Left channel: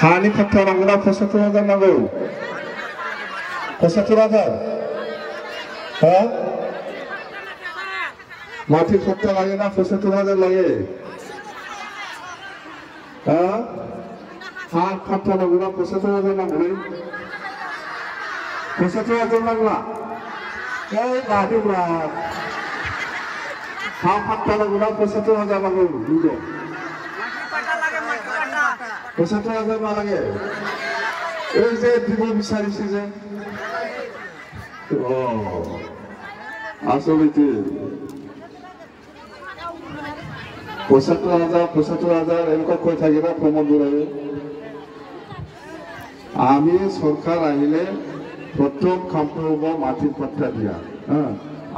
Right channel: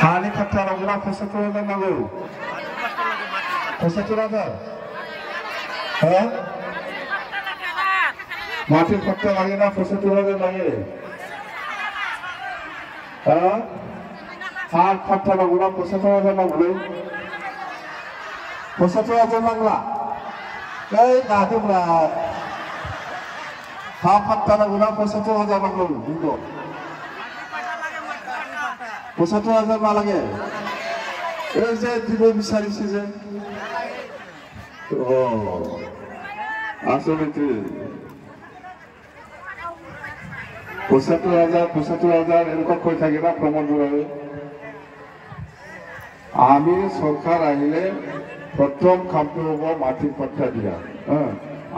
हानि फाट्टा नांगौना 75,000 नांगौ 75,000 हा माथि फाट्टा लाङोना 75,000 लाङो हा हा फाट्टा नांगौना 75,000 नांगौ 75,000 नांला ओइ नादुब्रा हा फाट्टा नांगौना 75,000 नांगौ बुंद 75,000 मा लागे ओइ जे দিব বিচাৰিছে যে আসলে 75,000 এরকম কৈ থাকে না প্রমোদ বড়াই আমি সরকার আহিলে প্রথম কামটো হব মাটির পাট্টা দিয়া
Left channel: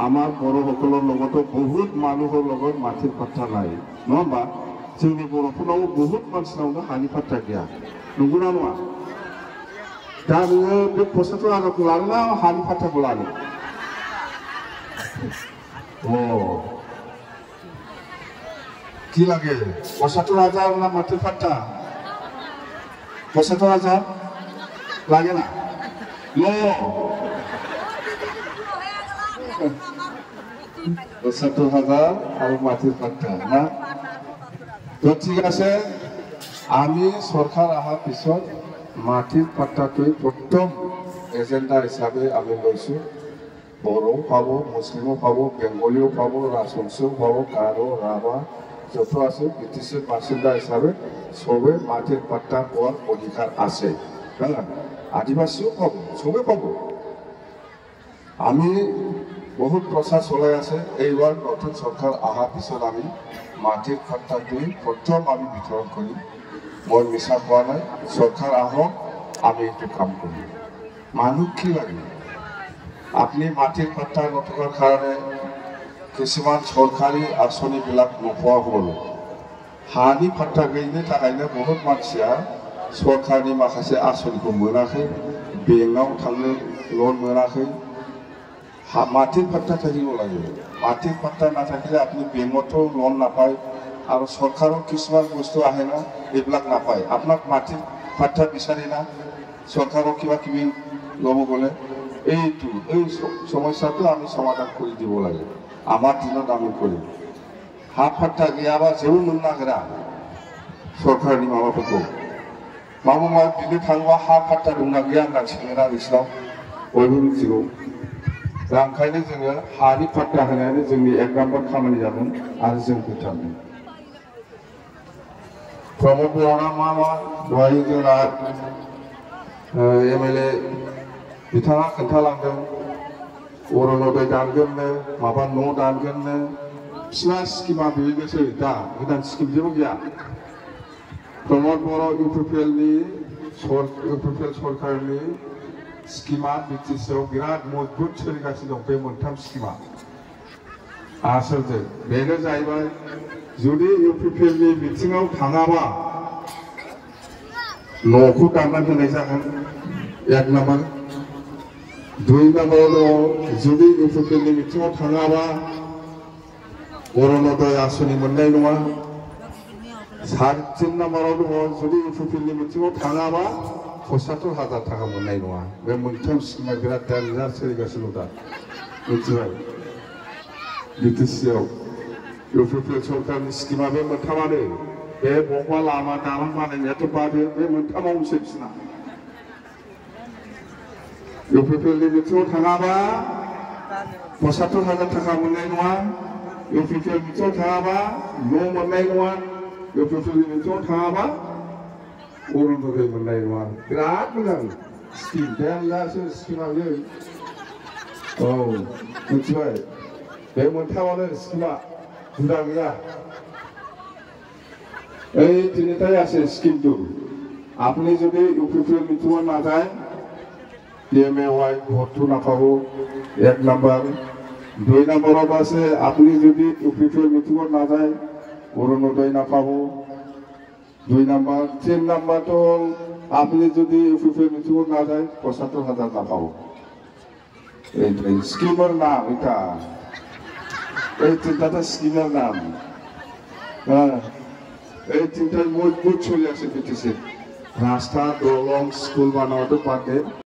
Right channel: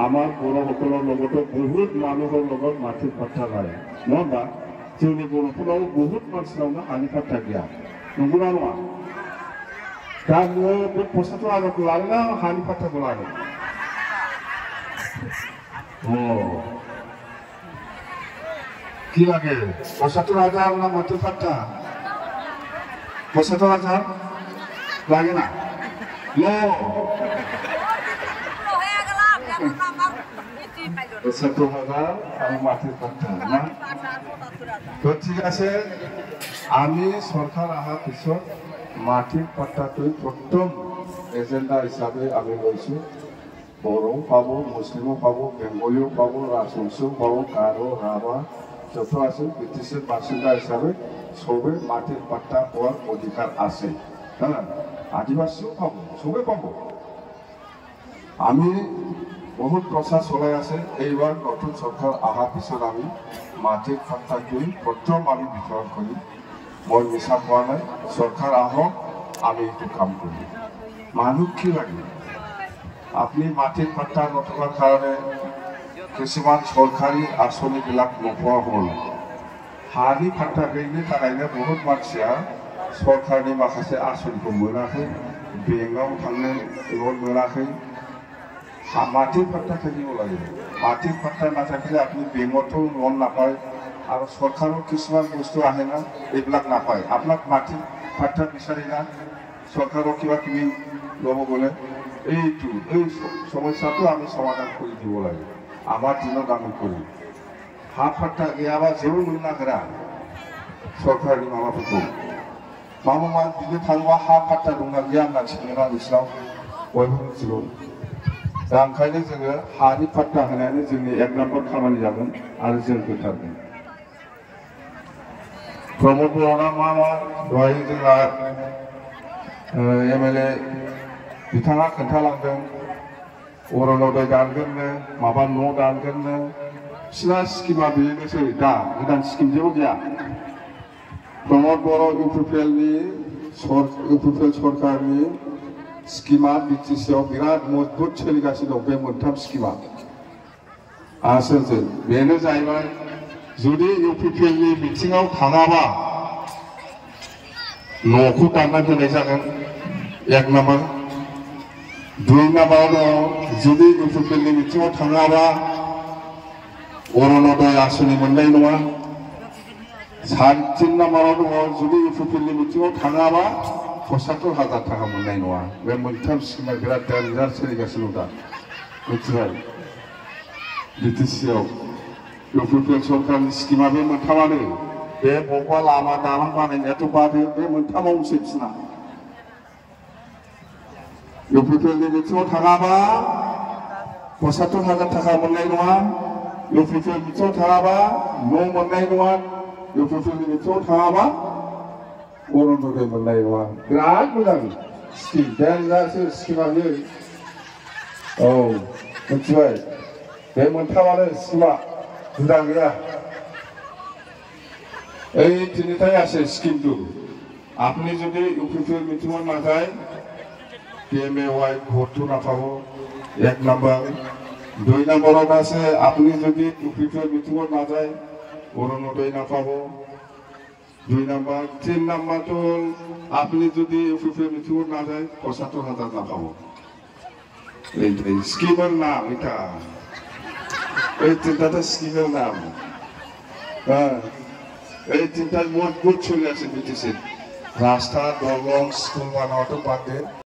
আমার বড় সকলের লগতো বহুত মানুহৰ লগত মাটির পাট্টা নাই নবা जोंनि बर'फोराव बहुत मानसिनावनो हानि फाट्टा गैया नंगौना नङा दा नोङो बे 75,000 लानोना हानि फाट्टाखौ लानो কি লাগে 75,000 না মাটির ফাট্টা 75,000 লাগে না লো 75,000 আর মাটির ফাট্টা না তো ঠিক আছে আমি সরকার আহার পিছত মাটির পাট্টাটোই প্রথম এজেন্ডা হিসাবে আমি লৈছো বড়ো পাব মুসলিমও পাব বেঙ্গলীও পাব রাজবংশীও পাব গারো রাভা যত আছে ব্রিটিশের বাসিন্দা হিসাবে সবে মাটির পাট্টা পাওয়ার অধিকার আছে হ্যাঁ আদিবাসীও পাব সবে পাব আমি বহুত প্রচার চলাই আছে এইবার নতুন সরকার আহার পিছত আমি মাটির পাট্টাটোই প্রথম আমি বিতরণ করি মই মিছা কোৱা নাই সৰকাৰ আহক আমি এইটো কাম কৰি মানুহ কি লাগে আপনি মাটিৰ পাট্টা নথকাৰ কাৰণে কিছুমান সৰকাৰি আঁচনিবিলাক নোপোৱা হ'ল হানি পাট্টা গैयिनि थाखायनो বহুত मानसिया সরকারি माखासे आঁচनिखौ मोनाखै बेंकआव थांनो लन मोनाखै মাটির পাট্টা থাকিব লাগে মাটির পাট্টা নাথাকিলে আপনি বেংকতো লোন নাপায় আর সরকারের কিছুমান বস্তু আহে না এইবিলাক নাপায় আপনার মাটির পাট্টা বিচাৰি না সরকারের কিবা কিবি লব গলে এইটো এই সমস্যাটো আমি সমাধান করে দিব লাগে আমার দিনত আমি করি হা পাট্টা গিয়াবা যেও মোন নাগরা সরকারनि माबाफोरखौ माबा बिदि थांबा हा पाट्टा दंना गैया होनना सोंना बिसोराव बयबो मिथिगौ दा ओंखायनो जोङो हानि पाट्टा होनायानो जोंनि एक नाम्बार खामानि जागोन आरो जों फोथारगोन प्रमोद बर'ना मा दहाय जोंना एमएलए बिथाङा खोन्थालांदों अरनोदय दानगोननो माबा न' दानगोननो बिसिना स्किमा बेनोसै दा गोदान स्किम जेबो गैया प्रमोद बर' इउपिपिएलनि इउपिपिएल सरकारनि स्किमा बिटिसिआव बिराद मजबुत सोलिगासिनो दं बे मोनथाम स्किमा आसलथे बेनो जाहैबाय जुदि इउपिपिएलनि मिटिङाव थाङाबा न'खौ दानना होनाय जागोन एक नाम्बार दुइ नाम्बाराव दं जुदि इउपिपिएलनि मिटिङाव थाङाबा अरनोदय आसनि मोननाय नङा 3 नाम्बाराव दं जुदि इउपिपिएलनि मिटिङाव थाङाबा 75,000 थाखा मोननाय नङा बे मोनथाम स्किमा बिराद डेन्जार सोलिगासिनो दा मिथिबाय बिटिसिआव इउपिपिएल सरकारनि स्किमा बे मोनथामानो बे बबेबा लामा दालां बानायनायाथ' बादो बे मोनथामावसो बिसिना इउपिपिएलनि मिटिङाव थाङाबा 75,000 थाखा मोननाय नङा इउपिपिएल मिटिङाव थाङाबा न' मोननाय नङा इउपिपिएलनि मिटिङाव थाङाबा अरनोदय मोननाय नङा बिराद मोजां स्किम डेन्जारसो स्किमा बे औ मिथिबाय बे मोनथामानो स्किमा हुदा गैया এই তিনিটাই আছে স্কিমটো আপনি যদি ইউপিপিএল মিটিঙত নাযায় পিএমএৱাই ভোটটো নাপাব এক নাম্বাৰ দুই নম্বৰত আছে আপনি যদি ইউপিপিএল মিটিঙত নাযায় অরুণোদয় নাপাব দুই নাম্বার 3 নাম্বার তো আপনি যদি ইউপিপিএল মিটিঙত নাযায় 75,000 নাপাব এই স্কিমের নাম এটা এই তিনটা স্কিমের নাম এই তিনটা মজবুত চলে আছে বিটিসি রাস্তা দলং স্কুল বানাওয়াতে বাদে